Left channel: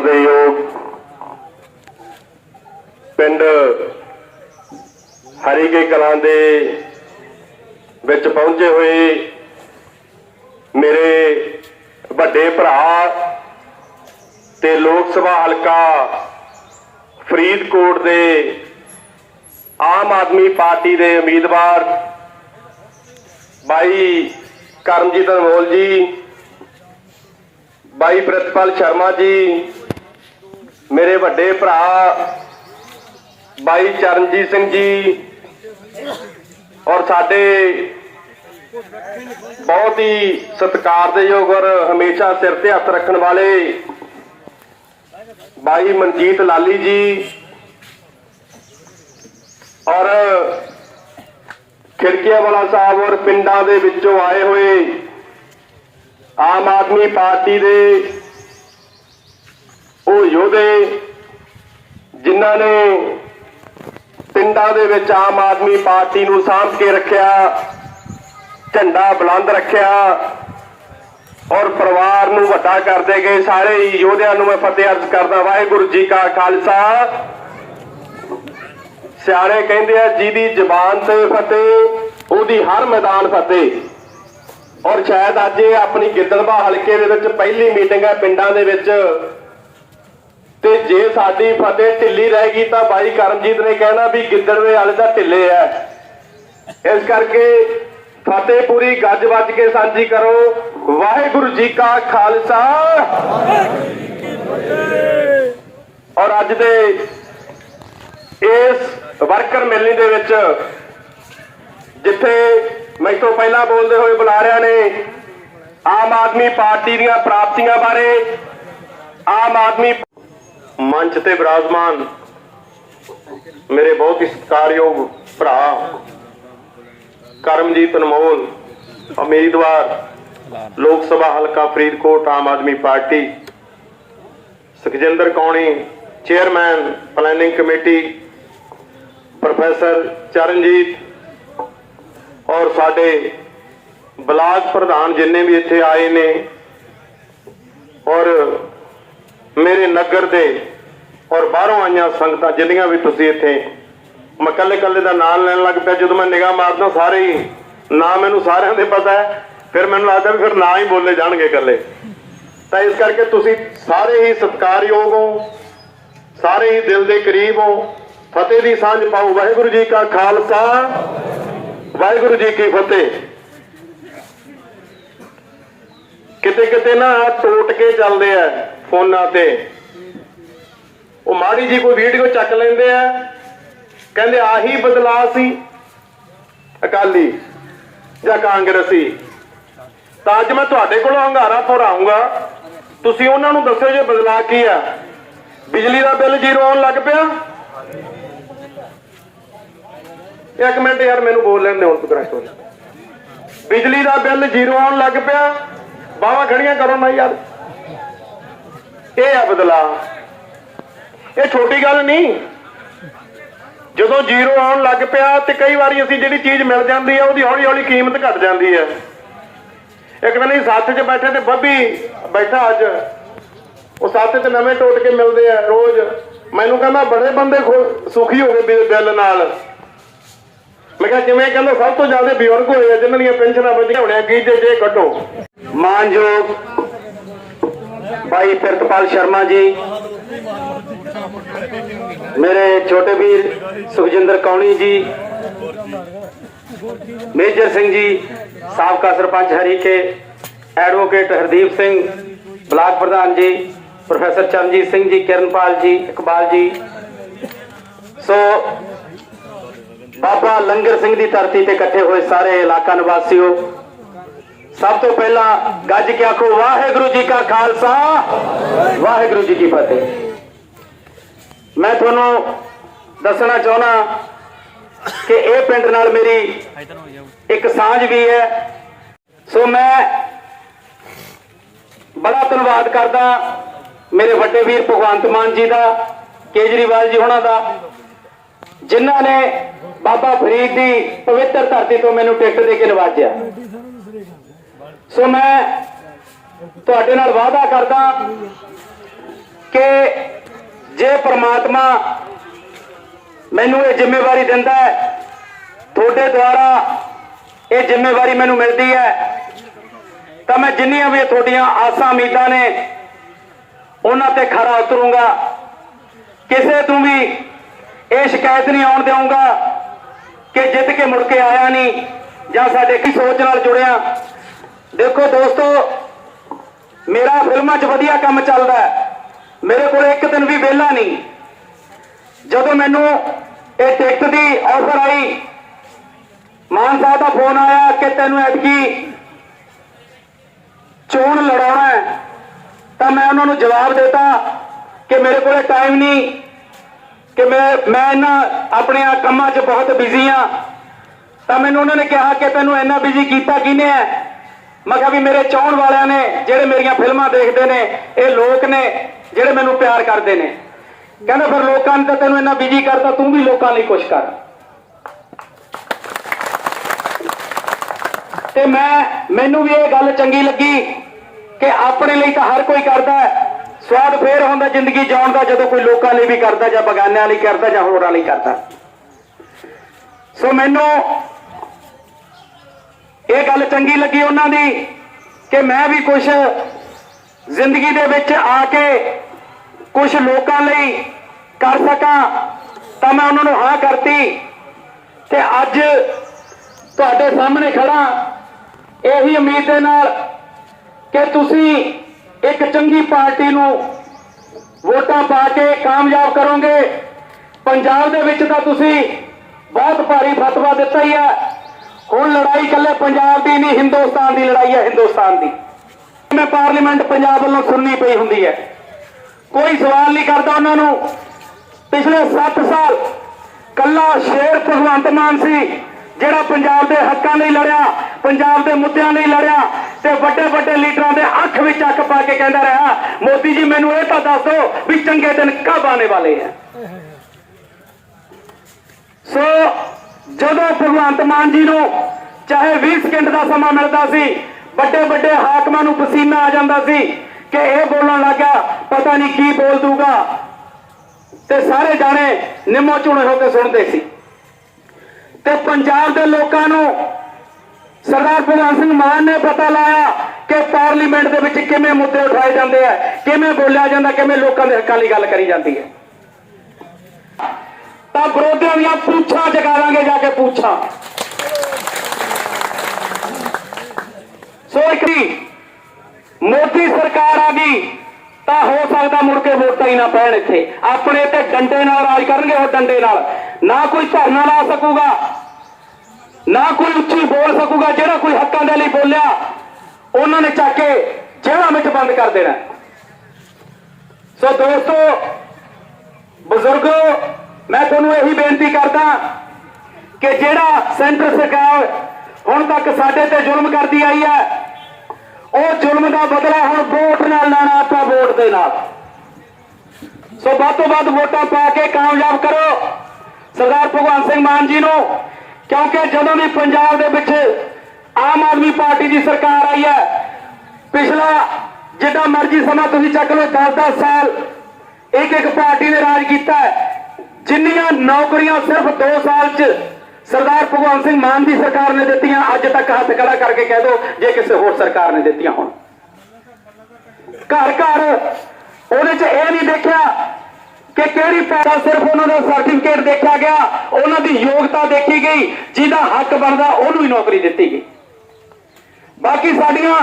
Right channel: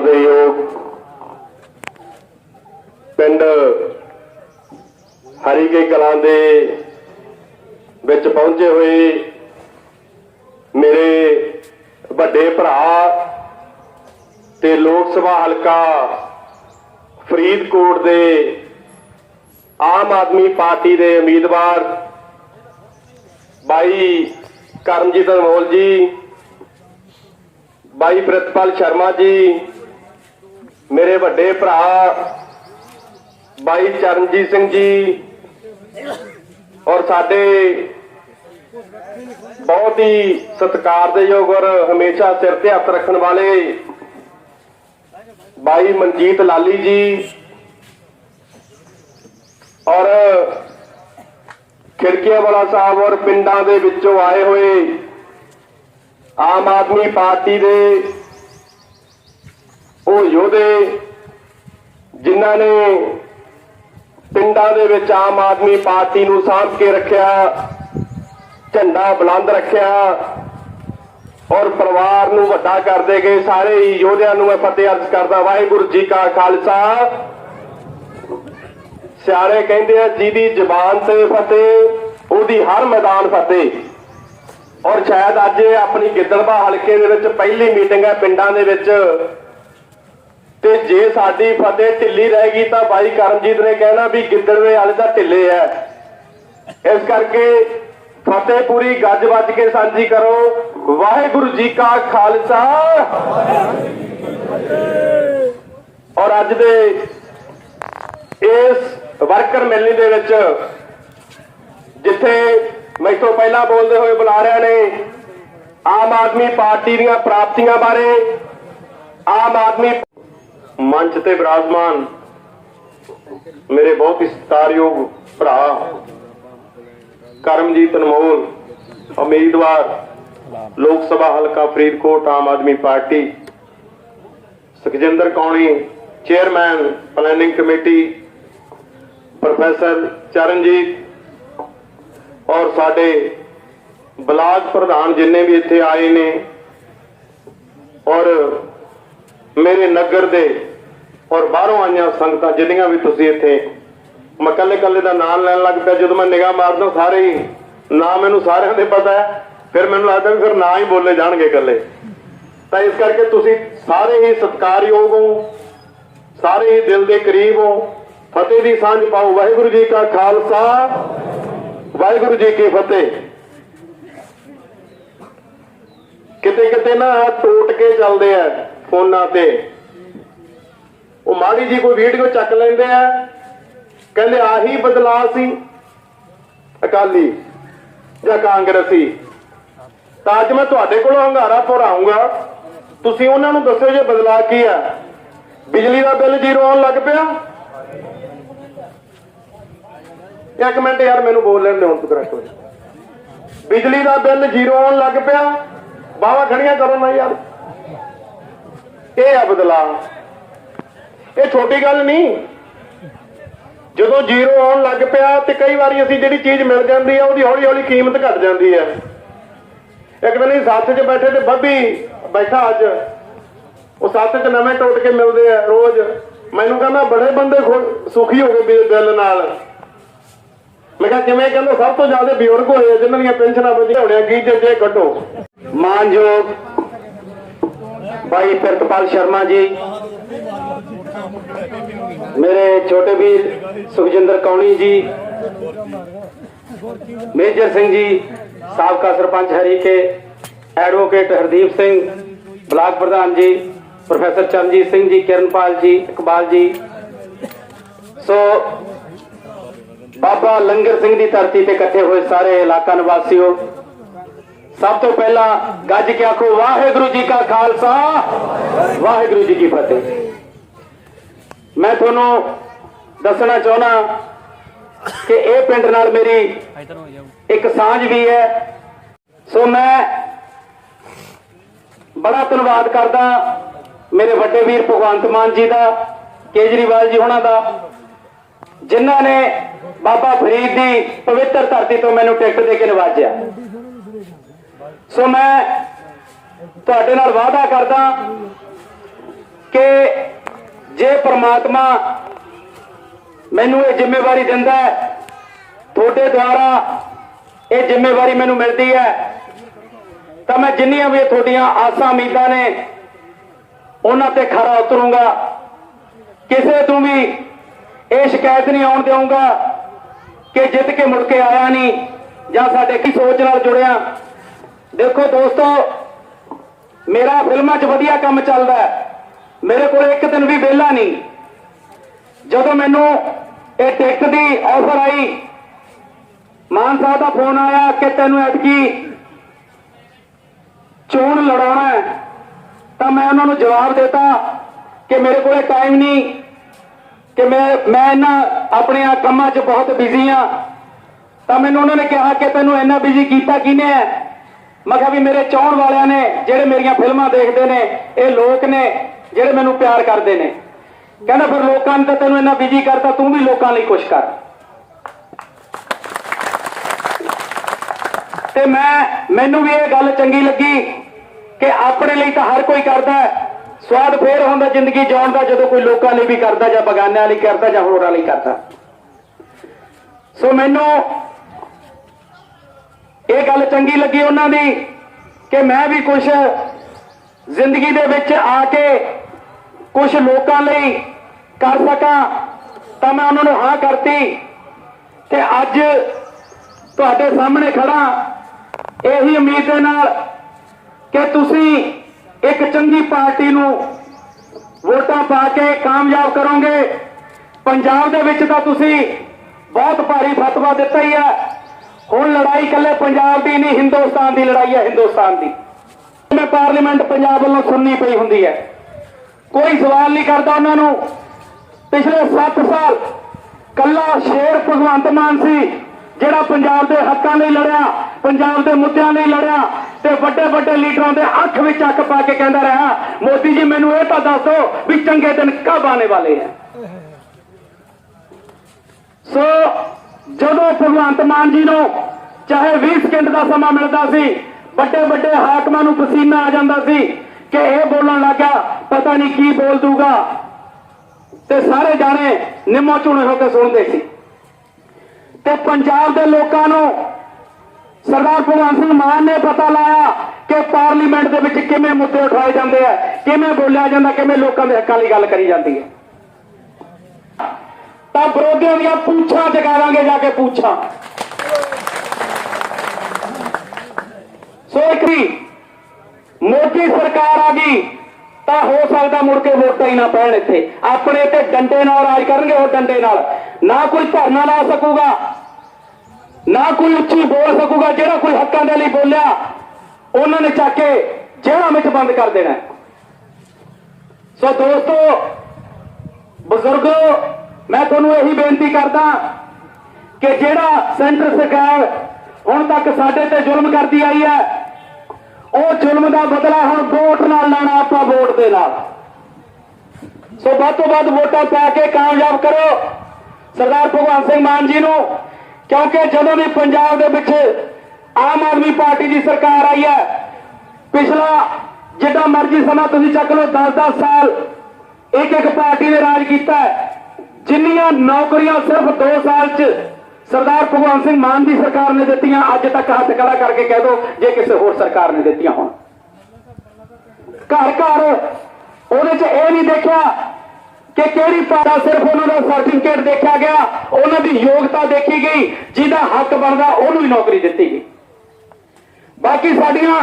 ਦੇ ਯੋਗ ਪਿੰਡ ਹਰੀਕੇ ਕਲਾਂ ਦੇ ਵਿੱਚ ਪਹੁੰਚੇ ਹੋਏ ਮੇਰੇ ਵੱਡੇ ਭਰਾ ਤੇ ਲੋਕ ਸਭਾ ਹਲਕਾ ਫਰੀਦਕੋਟ ਦੇ ਆਮ ਆਦਮੀ ਪਾਰਟੀ ਦੇ ਉਮੀਦਵਾਰ ਬਾਈ ਕਰਮਜੀਤ ਅਨਮੋਲ ਜੀ, ਬਾਈ ਪ੍ਰਿਤਪਾਲ ਸ਼ਰਮਾ ਜੀ ਮੇਰੇ ਵੱਡੇ ਭਰਾ ਬਾਈ ਚਰਨਜੀਤ ਸਿੰਘ ਜੀ ਔਰ ਸਾਡੇ ਬਹੁਤ ਹੀ ਸਤਿਕਾਰ ਦੇ ਯੋਗ ਔਰ ਹਮੇਸ਼ਾ ਸਿਰ ਤੇ ਹੱਥ ਰੱਖਣ ਵਾਲੇ ਬਾਈ ਮਨਜੀਤ ਲਾਲੀ ਜੀ ਔਰ ਖਿੜਕੀਆਂ ਵਾਲਾ ਸਾਹਿਬ ਔਰ ਪਿੰਡਾਂ ਦੇ ਵਿੱਚੋਂ ਆਏ ਹੋਏ ਆਮ ਆਦਮੀ ਪਾਰਟੀ ਦੇ ਉਹ ਜਿਨ੍ਹਾਂ ਨੇ ਪਿੰਡਾਂ ਦੇ ਵਿੱਚ ਆਮ ਆਦਮੀ ਪਾਰਟੀ ਨੂੰ ਸਾਂਭ ਕੇ ਰੱਖਿਆ, ਝੰਡਾ ਬੁਲੰਦ ਰੱਖਿਆ, ਔਰ ਪਰਿਵਾਰ ਨੂੰ ਵੱਡਾ ਕਰਦੇ ਗਏ, ਸਾਰੇ ਹੀ ਯੋਧਿਆਂ ਨੂੰ ਮੈਂ ਫਤਿਹ ਅਰਜ਼ ਕਰਦਾ, ਵਾਹਿਗੁਰੂ ਜੀ ਕਾ ਖਾਲਸਾ। ਸਿਆਰੇ ਕਹਿੰਦੇ ਆ, ਜਿਹਦੀ ਜ਼ਬਾਨ ਤੇ ਫਤਿਹ, ਉਹਦੀ ਹਰ ਮੈਦਾਨ ਫਤਿਹ। ਔਰ ਸ਼ਾਇਦ ਅੱਜ ਇਹ ਆਪਣੀ ਗਿੱਦੜਬਾ ਹਲਕੇ ਦੇ ਵਿੱਚ ਪਹਿਲੀ ਮੀਟਿੰਗ ਹੈ ਪਿੰਡਾਂ ਦੇ ਵਿੱਚ। ਤੇ ਜੇ ਸਾਡੀ ਫਤਿਹ ਢਿੱਲੀ ਰਹਿ ਗਈ ਤਾਂ ਬਾਈ ਕਰਮਜੀਤ ਨੇ ਕਹਿਣਾ ਵੀ ਗਿੱਦੜਵੇ ਵਾਲੇ ਦਾ ਢਿੱਲੇ ਹੈ। ਇਸ ਕਰਕੇ ਫਤਿਹ ਪੂਰੀ ਗੱਜ ਵੱਜ ਕੇ ਸਾਂਝੀ ਕਰੋ। ਵਾਹਿਗੁਰੂ ਜੀ ਕਾ ਖਾਲਸਾ। ਔਰ ਅੱਜ ਦੇ ਇਸ ਵਰਕਰ ਮਿਲਣੀ ਦੇ ਵਿੱਚ ਜਿੱਥੇ ਮੈਥੋਂ ਪਹਿਲਾਂ ਬੋਲਦੇ ਹੋਏ ਬੁਲਾਰਿਆਂ ਨੇ, ਆਮ ਆਦਮੀ ਪਾਰਟੀ ਦੀਆਂ ਪ੍ਰਾਪਤੀਆਂ ਬਾਰੇ, ਆਮ ਆਦਮੀ ਮੰਚ ਤੇ ਵਿਰਾਜਮਾਨ ਮੇਰੇ ਬਹੁਤ ਹੀ ਸਤਿਕਾਰਯੋਗ ਭਰਾ, ਕਰਮਜੀਤ ਅਨਮੋਲ ਉਮੀਦਵਾਰ, ਲੋਕ ਸਭਾ ਹਲਕਾ Faridkot, Aam Aadmi party, Sukhjinder Kauni, chairman planning committee professor Charanjit ਔਰ ਸਾਡੇ ਬਲਾਕ ਪ੍ਰਧਾਨ ਜਿੰਨੇ ਵੀ ਇੱਥੇ ਆਏ ਨੇ ਔਰ ਮੇਰੇ ਨਗਰ ਦੇ ਔਰ ਬਾਹਰੋਂ ਆਈਆਂ ਸੰਗਤਾਂ, ਜਿੰਨੀਆਂ ਵੀ ਤੁਸੀਂ ਇੱਥੇ ਮੈਂ ਕੱਲੇ ਕੱਲੇ ਦਾ ਨਾਮ ਲੈਣ ਲੱਗ ਪਿਆ, ਜਦੋਂ ਮੈਂ ਨਿਗਾਹ ਮਾਰਦਾ, ਸਾਰੇ ਹੀ ਨਾਮ ਮੈਨੂੰ ਸਾਰਿਆਂ ਦੇ ਪਤਾ ਹੈ, ਫਿਰ ਮੈਨੂੰ ਲੱਗਦਾ ਫਿਰ ਨਾਂ ਹੀ ਬੋਲੇ ਜਾਣਗੇ ਕੱਲੇ ਤਾਂ ਇਸ ਕਰਕੇ ਤੁਸੀਂ ਸਾਰੇ ਹੀ ਸਤਿਕਾਰਯੋਗ ਹੋ, ਸਾਰੇ ਹੀ ਦਿਲ ਦੇ ਕਰੀਬ ਹੋ, ਫਤਿਹ ਦੀ ਸਾਂਝ ਪਾਓ, ਵਾਹਿਗੁਰੂ ਜੀ ਕਾ ਖਾਲਸਾ, ਵਾਹਿਗੁਰੂ ਜੀ ਕੀ ਫਤਿਹ। ਕਿਤੇ ਕਿਤੇ ਨਾ ਟੋਟ ਕੇ ਚੱਲਦੇ ਆ ਫੋਨਾਂ ਤੇ। ਉਹ ਮਾੜੀ ਜੀ ਕੋਈ ਵੀਡੀਓ ਚੱਕ ਲੈਂਦੇ ਆ। ਕਹਿੰਦੇ ਆਹੀ ਬਦਲਾਅ ਸੀ। ਅਕਾਲੀ ਜਾਂ ਕਾਂਗਰਸੀ। ਤਾਂ ਅੱਜ ਮੈਂ ਤੁਹਾਡੇ ਕੋਲੋਂ ਹੰਗਾਰਾ ਪੜਾਉਂਗਾ ਤੁਸੀਂ ਉਹਨਾਂ ਨੂੰ ਦੱਸੋ ਜੇ ਬਦਲਾਅ ਕੀ ਆ। ਬਿਜਲੀ ਦਾ ਬਿੱਲ ਜ਼ੀਰੋ ਆਉਣ ਲੱਗ ਪਿਆ। ਇੱਕ ਮਿੰਟ ਯਾਰ, ਮੈਨੂੰ ਬੋਲ ਲੈਣ ਦੇ ਹੁਣ ਤੂੰ ਬਿਜਲੀ ਦਾ ਬਿੱਲ ਜ਼ੀਰੋ ਆਉਣ ਲੱਗ ਪਿਆ। ਬਾਵਾ ਖੜੀਆਂ ਕਰੋ ਨਾ ਯਾਰ। ਇਹ ਆ ਬਦਲਾਅ। ਇਹ ਛੋਟੀ ਗੱਲ ਨਹੀਂ। ਜਦੋਂ ਜ਼ੀਰੋ ਆਉਣ ਲੱਗ ਪਿਆ ਤੇ ਕਈ ਵਾਰੀ ਅਸੀਂ ਜਿਹੜੀ ਚੀਜ਼ ਮਿਲ ਜਾਂਦੀ ਹੈ ਉਹਦੀ ਹੌਲੀ ਹੌਲੀ ਕੀਮਤ ਘਟ ਜਾਂਦੀ ਹੈ ਇੱਕ ਦਿਨ ਹੀ ਸੱਥ 'ਚ ਬੈਠੇ ਤੇ ਬੱਬੀ ਬੈਠਾ ਅੱਜ। ਉਹ ਸੱਥ 'ਚ ਨਵੇਂ ਟੋਟ ਕੇ ਮਿਲਦੇ ਆ ਰੋਜ਼। ਮੈਨੂੰ ਕਹਿੰਦਾ, ਬੜੇ ਬੰਦੇ ਸੁਖੀ ਹੋ ਗਏ ਦਿਲ ਨਾਲ। ਮੈਂ ਕਿਹਾ, ਜਿਵੇਂ ਕਹਿੰਦਾ, ਸਭ ਤੋਂ ਜ਼ਿਆਦਾ ਬਜ਼ੁਰਗ ਹੋਏ ਆ, ਜਿਨ੍ਹਾਂ ਦੀਆਂ ਪੈਨਸ਼ਨਾਂ ਵਧੀਆਂ ਹੋਣੀਆਂ ਕੀ ਜੇ ਜੇ ਕੱਢੋ। ਮਾਨਯੋਗ ਭਾਈ ਪ੍ਰਿਤਪਾਲ ਸ਼ਰਮਾ ਜੀ ਮੇਰੇ ਛੋਟੇ ਵੀਰ ਸੁਖਜਿੰਦਰ ਕੌਣੀ ਜੀ, ਮੇਜਰ ਸਿੰਘ ਜੀ, ਸਾਬਕਾ ਸਰਪੰਚ ਹਰੀਕੇ, ਐਡਵੋਕੇਟ ਹਰਦੀਪ ਸਿੰਘ, ਬਲਾਕ ਪ੍ਰਧਾਨ ਜੀ, ਪ੍ਰੋਫੈਸਰ ਚਰਨਜੀਤ ਸਿੰਘ ਜੀ, ਕਿਰਨਪਾਲ ਜੀ, ਇਕਬਾਲ ਜੀ। ਸੋ, ਬਾਬਾ ਲੰਗਰ ਸਿੰਘ ਦੀ ਧਰਤੀ ਤੇ ਇਕੱਠੇ ਹੋਏ ਸਾਰੇ ਇਲਾਕਾ ਨਿਵਾਸੀਓ, ਸਭ ਤੋਂ ਪਹਿਲਾਂ ਗੱਜ ਕੇ ਆਖੋ, ਵਾਹਿਗੁਰੂ ਜੀ ਕਾ ਖਾਲਸਾ, ਵਾਹਿਗੁਰੂ ਜੀ ਕੀ ਫਤਿਹ। ਮੈਂ ਤੁਹਾਨੂੰ ਦੱਸਣਾ ਚਾਹੁੰਦਾ ਕਿ ਇਹ ਪਿੰਡ ਨਾਲ ਮੇਰੀ ਇੱਕ ਸਾਂਝ ਵੀ ਹੈ। ਸੋ ਮੈਂ ਬੜਾ ਧੰਨਵਾਦ ਕਰਦਾ ਮੇਰੇ ਵੱਡੇ ਵੀਰ ਭਗਵੰਤ ਮਾਨ ਜੀ ਦਾ, ਕੇਜਰੀਵਾਲ ਜੀ ਉਹਨਾਂ ਦਾ, ਜਿਨ੍ਹਾਂ ਨੇ ਬਾਬਾ ਫਰੀਦ ਦੀ ਪਵਿੱਤਰ ਧਰਤੀ ਤੋਂ ਮੈਨੂੰ ਟਿਕਟ ਦੇ ਕੇ ਨਵਾਜਿਆ। ਸੋ ਮੈਂ ਤੁਹਾਡੇ ਨਾਲ ਵਾਅਦਾ ਕਰਦਾ ਕਿ ਜੇ ਪ੍ਰਮਾਤਮਾ ਮੈਨੂੰ ਇਹ ਜ਼ਿੰਮੇਵਾਰੀ ਦਿੰਦਾ ਹੈ, ਤੁਹਾਡੇ ਦੁਆਰਾ ਇਹ ਜ਼ਿੰਮੇਵਾਰੀ ਮੈਨੂੰ ਮਿਲਦੀ ਹੈ, ਤਾਂ ਮੈਂ ਜਿੰਨੀਆਂ ਵੀ ਤੁਹਾਡੀਆਂ ਆਸਾਂ ਉਮੀਦਾਂ ਨੇ, ਉਹਨਾਂ ਤੇ ਖਰਾ ਉਤਰੂੰਗਾ। ਕਿਸੇ ਤੋਂ ਵੀ ਇਹ ਸ਼ਿਕਾਇਤ ਨਹੀਂ ਆਉਣ ਦੇਵਾਂਗਾ ਕਿ ਜਿੱਤ ਕੇ ਮੁੜ ਕੇ ਆਇਆ ਨਹੀਂ ਜਾਂ ਸਾਡੇ ਕੀ ਸੋਚ ਨਾਲ ਜੁੜਿਆ। ਦੇਖੋ ਦੋਸਤੋ, ਮੇਰਾ ਫਿਲਮਾਂ 'ਚ ਵਧੀਆ ਕੰਮ ਚੱਲਦਾ ਹੈ। ਮੇਰੇ ਕੋਲ ਇੱਕ ਦਿਨ ਵੀ ਵਿਹਲਾ ਨਹੀਂ। ਜਦੋਂ ਮੈਨੂੰ ਇਹ ਟਿਕਟ ਦੀ ਆਫਰ ਆਈ, ਮਾਨ ਸਾਹਿਬ ਦਾ ਫੋਨ ਆਇਆ ਕਿ ਤੈਨੂੰ ਐਤਕੀ ਚੋਣ ਲੜਾਉਣਾ ਹੈ, ਤਾਂ ਮੈਂ ਉਹਨਾਂ ਨੂੰ ਜਵਾਬ ਦਿੱਤਾ ਕਿ ਮੇਰੇ ਕੋਲੇ ਟਾਈਮ ਨਹੀਂ, ਕਿ ਮੈਂ ਮੈਂ ਇਹਨਾਂ ਆਪਣੇ ਆ ਕੰਮਾਂ 'ਚ ਬਹੁਤ ਬਿਜ਼ੀ ਆ ਤਾਂ ਮੈਨੂੰ ਉਹਨਾਂ ਨੇ ਕਿਹਾ ਕਿ ਤੈਨੂੰ ਇੰਨਾ ਬਿਜ਼ੀ ਕੀਤਾ ਕਿਹਨੇ ਹੈ? ਮੈਂ ਕਿਹਾ ਵੀ ਮੇਰੇ ਚਾਹਣ ਵਾਲਿਆਂ ਨੇ, ਜਿਹੜੇ ਮੇਰੀਆਂ ਫਿਲਮਾਂ ਦੇਖਦੇ ਨੇ, ਇਹ ਲੋਕ ਨੇ ਜਿਹੜੇ ਮੈਨੂੰ ਪਿਆਰ ਕਰਦੇ ਨੇ। ਕਹਿੰਦਾ ਫਿਰ ਲੋਕਾਂ ਨੇ ਤਾਂ ਤੈਨੂੰ ਇੰਨਾ ਬਿਜ਼ੀ ਕਰਤਾ, ਤੂੰ ਵੀ ਲੋਕਾਂ ਲਈ ਕੁਝ ਕਰ। ਤੇ ਮੈਂ, ਮੈਨੂੰ ਵੀ ਇਹ ਗੱਲ ਚੰਗੀ ਲੱਗੀ ਕਿ ਆਪਣੇ ਲਈ ਤਾਂ ਹਰ ਕੋਈ ਕਰਦਾ ਹੈ। ਸਵਾਦ ਫੇਰ ਹੁੰਦਾ ਜ਼ਿੰਦਗੀ ਜਿਉਣ ਦਾ, ਜਦੋਂ ਕੋਈ ਲੋਕਾਂ ਲਈ ਵੀ ਕਰਦਾ ਜਾਂ ਬਗਾਨਿਆਂ ਲਈ ਕਰਦਾ ਜਾਂ ਹੋਰਾਂ ਲਈ ਕਰਦਾ। ਸੋ ਮੈਨੂੰ ਇਹ ਗੱਲ ਚੰਗੀ ਲੱਗੀ ਉਹਨਾਂ ਦੀ ਕਿ ਮੈਂ ਵੀ ਕੁਝ ਜ਼ਿੰਦਗੀ ਦੇ ਵਿੱਚ ਆ ਕੇ ਕੁਝ ਲੋਕਾਂ ਲਈ ਕਰ ਸਕਾਂ, ਤਾਂ ਮੈਂ ਉਹਨਾਂ ਨੂੰ ਹਾਂ ਕਰਤੀ। ਤੇ ਅੱਜ ਤੁਹਾਡੇ ਸਾਹਮਣੇ ਖੜਾ ਇਹੀ ਉਮੀਦ ਦੇ ਨਾਲ ਕਿ ਤੁਸੀਂ ਇੱਕ ਚੰਗੀ ਪਾਰਟੀ ਨੂੰ ਵੋਟਾਂ ਪਾ ਕੇ ਕਾਮਯਾਬ ਕਰੋਗੇ। ਪੰਜਾਬ ਦੇ ਵਿੱਚ ਤਾਂ ਤੁਸੀਂ ਬਹੁਤ ਭਾਰੀ ਫਤਵਾ ਦਿੱਤਾ ਹੀ ਹੈ ਹੁਣ ਲੜਾਈ ਇਕੱਲੇ ਪੰਜਾਬ ਦੀ ਨਹੀਂ, ਹਿੰਦੁਸਤਾਨ ਦੀ ਲੜਾਈ ਹੈ ਹਿੰਦੁਸਤਾਨ ਦੀ। ਮੈਂ ਪਾਰਲੀਮੈਂਟ ਪੰਜਾਬ ਵੱਲੋਂ ਸੁਣਨੀ ਪਈ ਹੁੰਦੀ ਹੈ। ਕੋਈ ਸਵਾਲ ਨਹੀਂ ਕਰਦਾ ਉਹਨਾਂ ਨੂੰ। ਪਿਛਲੇ 7 ਸਾਲ ਕੱਲਾ ਸ਼ੇਰ ਭਗਵੰਤ ਮਾਨ ਸੀ, ਜਿਹੜਾ ਪੰਜਾਬ ਦੇ ਹੱਕਾਂ ਲਈ ਲੜਿਆ, ਪੰਜਾਬ ਦੇ ਮੁੱਦਿਆਂ ਲਈ ਲੜਿਆ ਤੇ ਵੱਡੇ ਵੱਡੇ ਲੀਡਰਾਂ ਦੇ ਅੱਖ ਵਿੱਚ ਅੱਖ ਪਾ ਕੇ ਕਹਿੰਦਾ ਰਿਹਾ, ਮੋਦੀ ਜੀ, ਮੈਨੂੰ ਇਹ ਤਾਂ ਦੱਸ ਦਿਓ ਵੀ ਚੰਗੇ ਦਿਨ ਕਬ ਆਉਣੇ ਵਾਲੇ ਹੈ? ਸੋ ਜਦੋਂ ਭਗਵੰਤ ਮਾਨ ਜੀ ਨੂੰ ਚਾਹੇ 20 ਸਕਿੰਟ ਦਾ ਸਮਾਂ ਮਿਲਦਾ ਸੀ ਵੱਡੇ ਵੱਡੇ ਹਾਕਮਾਂ ਨੂੰ ਪਸੀਨਾ ਆ ਜਾਂਦਾ ਸੀ ਕਿ ਇਹ ਬੋਲਣ ਲੱਗਾ, ਪਤਾ ਨਹੀਂ ਕੀ ਬੋਲ ਦੂਗਾ ਤੇ ਸਾਰੇ ਜਾਣੇ ਨਿੰਮੋ ਝੂਣੇ ਹੋ ਕੇ ਸੁਣਦੇ ਸੀ। ਤੇ ਪੰਜਾਬ ਦੇ ਲੋਕਾਂ ਨੂੰ ਸਰਦਾਰ ਭਗਵੰਤ ਸਿੰਘ ਮਾਨ ਨੇ ਪਤਾ ਲਾਇਆ ਕਿ ਪਾਰਲੀਮੈਂਟ ਦੇ ਵਿੱਚ ਕਿਵੇਂ ਮੁੱਦੇ ਉਠਾਏ ਜਾਂਦੇ ਆ, ਕਿਵੇਂ ਬੋਲਿਆ ਜਾਂਦਾ, ਕਿਵੇਂ ਲੋਕਾਂ ਦੇ ਹੱਕਾਂ ਲਈ ਗੱਲ ਕਰੀ ਜਾਂਦੀ ਹੈ। ਤਾਂ ਵਿਰੋਧੀਆਂ ਦੀਆਂ ਪੁੱਛਾਂ ਜਗਾਵਾਂਗੇ ਜਾ ਕੇ ਪੁੱਛਾਂ ਸੋ ਇੱਕ ਦੀ ਮੋਦੀ ਸਰਕਾਰ ਆ ਗਈ, ਤਾਂ ਹੋ ਸਕਦਾ ਮੁੜ ਕੇ ਵੋਟਾਂ ਹੀ ਨਾ ਪੈਣ ਇੱਥੇ। ਆਪਣੇ ਤੇ ਡੰਡੇ ਨਾਲ ਰਾਜ ਕਰਨਗੇ ਉਹ ਡੰਡੇ ਨਾਲ। ਨਾ ਕੋਈ ਧਰਨਾ ਲਾ ਸਕੂਗਾ, ਨਾ ਕੋਈ ਉੱਚੀ ਬੋਲ ਸਕੂਗਾ, ਜਿਹੜਾ ਕੋਈ ਹੱਕਾਂ ਦੇ ਲਈ ਬੋਲਿਆ, ਉਹਨਾਂ ਨੇ ਚੱਕ ਕੇ ਜੇਲ੍ਹਾਂ ਵਿੱਚ ਬੰਦ ਕਰ ਦੇਣਾ। ਸੋ ਦੋਸਤੋ, ਬਜ਼ੁਰਗੋ, ਮੈਂ ਤੁਹਾਨੂੰ ਇਹੀ ਬੇਨਤੀ ਕਰਦਾ ਕਿ ਜਿਹੜਾ ਸੈਂਟਰ ਸਰਕਾਰ ਹੁਣ ਤੱਕ ਸਾਡੇ ਤੇ ਜ਼ੁਲਮ ਕਰਦੀ ਆਈ ਹੈ ਉਹ ਜ਼ੁਲਮ ਦਾ ਬਦਲਾ ਹੁਣ ਵੋਟ ਨਾਲ ਲੈਣਾ ਆਪਾਂ ਵੋਟ ਦੇ ਨਾਲ। ਸੋ ਵੱਧ ਤੋਂ ਵੱਧ ਵੋਟਾਂ ਪਾ ਕੇ ਕਾਮਯਾਬ ਕਰੋ। ਸਰਦਾਰ ਭਗਵੰਤ ਸਿੰਘ ਮਾਨ ਜੀ ਨੂੰ, ਕਿਉਂਕਿ ਜਦੋਂ ਵੀ ਪੰਜਾਬ ਦੇ ਵਿੱਚ ਆਮ ਆਦਮੀ ਪਾਰਟੀ ਦੀ ਸਰਕਾਰ ਆਈ ਹੈ, ਪਿਛਲਾ ਜਿੱਦਾਂ ਮਰਜ਼ੀ ਸਮਾਂ ਤੁਸੀਂ ਚੱਕ ਲਓ 10-10 ਸਾਲ ਇੱਕ ਇੱਕ ਪਾਰਟੀ ਨੇ ਰਾਜ ਕੀਤਾ ਜਿੰਨੀਆਂ ਨੌਕਰੀਆਂ ਸਿਰਫ 2 ਸਾਲ 'ਚ ਸਰਦਾਰ ਭਗਵੰਤ ਸਿੰਘ ਮਾਨ ਦੀ ਸਰਕਾਰ ਨੇ ਦਿੱਤੀਆਂ, ਅੱਜ ਤੱਕ ਹੱਥ ਖੜਾ ਕਰਕੇ ਕਹਿ ਦਿਓ, ਜੇ ਕਿਸੇ ਹੋਰ ਸਰਕਾਰ ਨੇ ਦਿੱਤੀਆਂ ਹੋਣ। ਘਰ ਘਰ, ਉਹਦੇ 'ਚ ਇਹ ਨਹੀਂ ਦੇਖਿਆ ਕਿ ਕਿਹੜੀ ਪਾਰਟੀ ਸਿਰਫ ਉਹਨਾਂ ਦਾ ਸਰਟੀਫਿਕੇਟ ਦੇਖਿਆ ਗਿਆ, ਉਹਨਾਂ ਦੀ ਯੋਗਤਾ ਦੇਖੀ ਗਈ, ਜਿਹਦਾ ਹੱਕ ਬਣਦਾ ਉਹਨੂੰ ਹੀ ਨੌਕਰੀ ਦਿੱਤੀ ਗਈ। ਬਾਕੀ ਸਾਡੀਆਂ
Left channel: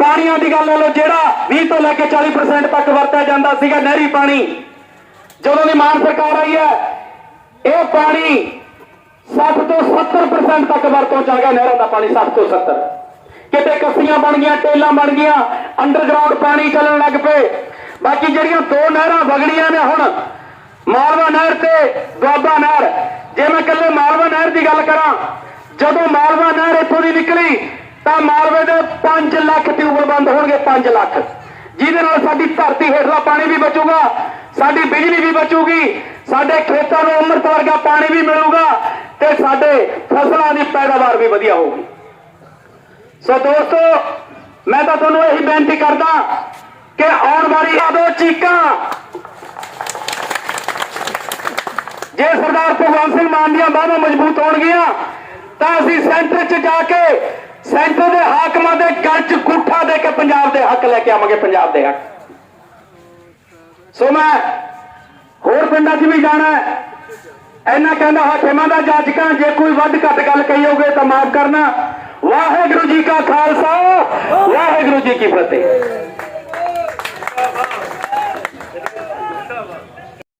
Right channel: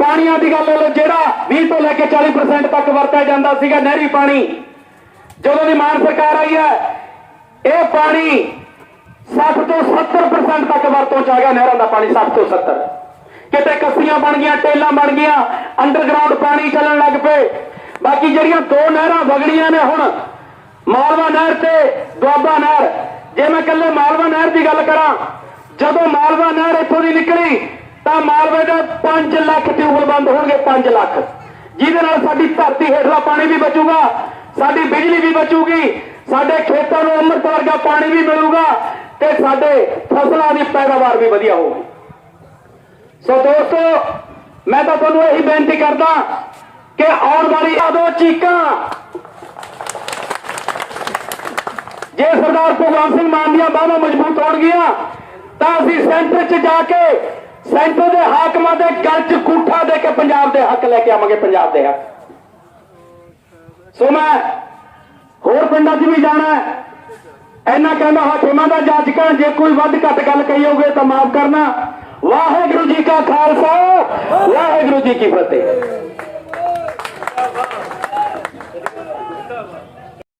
ਪਾਣੀਆਂ ਦੀ ਗੱਲ ਲੈ ਲਓ, ਜਿਹੜਾ 20 ਤੋਂ ਲੈ ਕੇ 40% ਤੱਕ ਵਰਤਿਆ ਜਾਂਦਾ ਸੀਗਾ ਨਹਿਰੀ ਪਾਣੀ, ਜਦੋਂ ਦੀ ਮਾਨ ਸਰਕਾਰ ਆਈ ਹੈ, ਇਹ ਪਾਣੀ 60 ਤੋਂ 70% ਤੱਕ ਵਰਤੋਂ ਚ ਆ ਗਿਆ ਨਹਿਰਾਂ ਦਾ ਪਾਣੀ 60 ਤੋਂ 70 ਕਿਤੇ ਕੱਸੀਆਂ ਬਣ ਗਈਆਂ, ਟੇਲਾਂ ਬਣ ਗਈਆਂ ਅੰਡਰਗਰਾਉਂਡ ਪਾਣੀ ਚੱਲਣ ਲੱਗ ਪਏ। ਬਾਕੀ ਜਿਹੜੀਆਂ ਦੋ ਨਹਿਰਾਂ ਵਗਣੀਆਂ ਨੇ ਹੁਣ, ਮਾਲਵਾ ਨਹਿਰ ਤੇ ਦੁਆਬਾ ਨਹਿਰ। ਜੇ ਮੈਂ ਇਕੱਲੇ ਮਾਲਵਾ ਨਹਿਰ ਦੀ ਗੱਲ ਕਰਾਂ, ਜਦੋਂ ਮਾਲਵਾ ਨਹਿਰ ਇੱਥੋਂ ਦੀ ਨਿਕਲੀ, ਤਾਂ ਮਾਲਵੇ ਦੇ 5 ਲੱਖ ਟਿਊਬਲ ਬੰਦ ਹੋਣਗੇ 5 ਲੱਖ। ਜਿਹਦੇ ਨਾਲ ਸਾਡੀ ਧਰਤੀ ਹੇਠਲਾ ਪਾਣੀ ਵੀ ਬਚੂਗਾ, ਸਾਡੀ ਬਿਜਲੀ ਵੀ ਬਚੂਗੀ, ਸਾਡੇ ਖੇਤਾਂ ਨੂੰ ਅੰਮ੍ਰਿਤ ਵਰਗਾ ਪਾਣੀ ਵੀ ਮਿਲੂਗਾ ਤੇ ਸਾਡੇ ਫਸਲਾਂ ਦੀ ਪੈਦਾਵਾਰ ਵੀ ਵਧੀਆ ਹੋਊਗੀ। ਸੋ ਦੋਸਤੋ, ਮੈਂ ਤਾਂ ਤੁਹਾਨੂੰ ਇਹੀ ਬੇਨਤੀ ਕਰਦਾ ਕਿ ਆਉਣ ਵਾਲੀ ਆਦੋ ਚੀਕਾਂ ਜੇ ਸਰਦਾਰ ਭਗਵੰਤ ਸਿੰਘ ਮਾਨ ਦੀਆਂ ਬਾਹਾਂ ਮਜ਼ਬੂਤ ਹੋਣਗੀਆਂ, ਤਾਂ ਅਸੀਂ ਸੈਂਟਰ 'ਚ ਜਾ ਕੇ ਸੈਂਟਰ ਦੇ ਹਾਕਮਾਂ ਦੇ ਗਲ 'ਚ ਗੁੱਠਾ ਦੇ ਕੇ ਪੰਜਾਬ ਦੇ ਹੱਕ ਲੈ ਕੇ ਆਵਾਂਗੇ, ਪੰਜਾਬ ਦੇ ਹੱਕ। ਸੋ ਮੈਂ ਹੋਰ ਪਿੰਡਾਂ 'ਚ ਵੀ ਜਾਣਾ ਹੈ। ਇਹਨਾਂ ਕਹਿੰਦਾ ਹਾਕਮਾਂ ਦਾ ਜਾਚਕਾਂ ਜੇ ਕੋਈ ਵੱਧ ਘੱਟ ਗੱਲ ਕਹੀ ਹੋਵੇ ਤਾਂ ਮਾਫ ਕਰਨਾ। ਵਾਹਿਗੁਰੂ ਜੀ ਕਾ ਖਾਲਸਾ, ਵਾਹਿਗੁਰੂ ਜੀ ਕੀ ਫਤਿਹ।